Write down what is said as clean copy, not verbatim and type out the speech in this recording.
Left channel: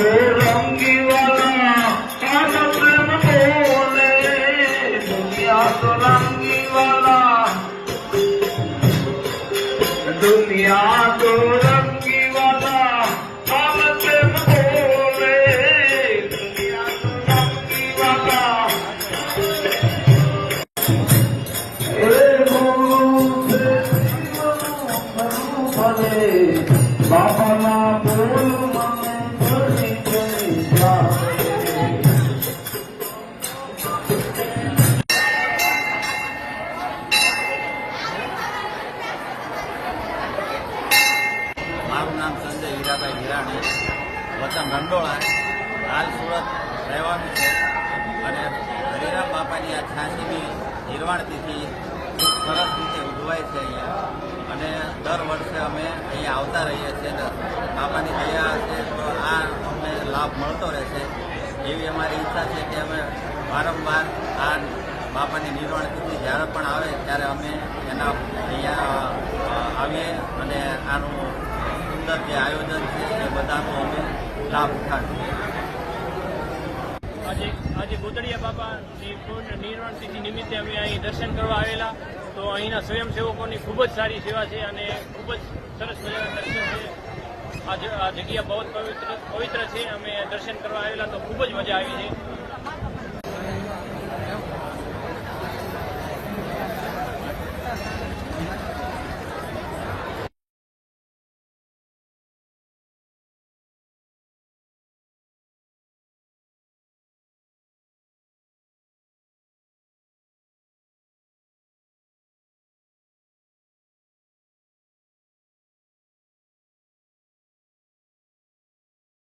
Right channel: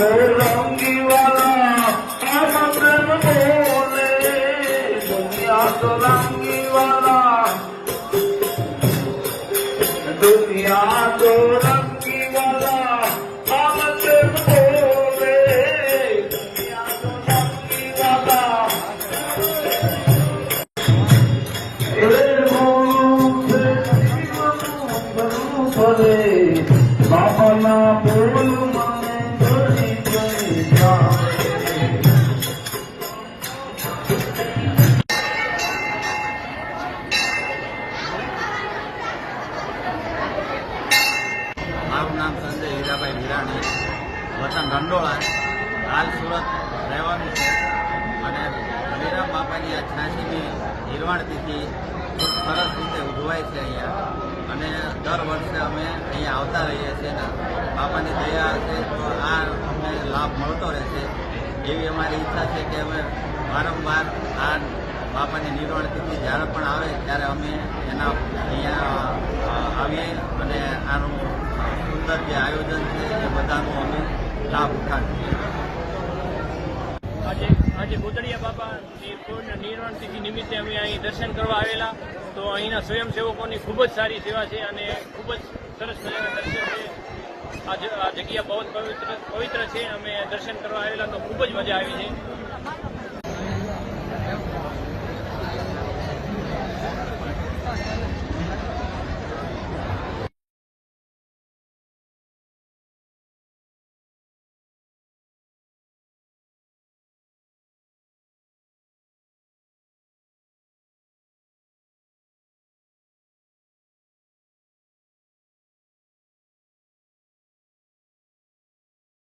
रंगी वाला आनंद बोले दुनिया तो रंगी वाला दुनिया तो रंगी वाला आनंद बोले दुनिया तो रंगी वाला बाबा ना बोल મારું નામ સંજય હીરાભાઈ હિરાણી, વતન રંડોળા, હાલ સુરત રહેવાનું છે અને હરિરામ બાપાની આ 86મી નિર્વાણ તિથિ ખૂબ સરસ રીતે ઉજવાય છે અહીંયા અને દર વર્ષે અમે અહીંયા આવતા રહીએ છીએ ને બાપાની દયા છે તો આ અમને લાભ મળતો રહેશે એવી અમારી ઈચ્છા છે કે અમે વારંવાર આ બાપાની નિર્વાણ તિથિ જ્યારે પણ આવે ત્યારે અમે એના અહીંયા આવીએ અને આનું સુંદર જે આયોજન છે એ બધાનો અમે લાભ ઉઠાવીએ. આજે ગોતડિયા બાપાની નિર્વાણ તિથિ નિમિત્તે અમે અહીં દર્શન કરવા આવેલા તો અહીંના સ્વયંસેવકોની ખૂબ જ સારી સેવા છે અને ખૂબ જ સરસ મજાના દર્શન છે. આ જગ્યા બહુ પવિત્ર છે. અમે દર્શન કરવા આવેલા તો ખૂબ જ મજા આવી છે.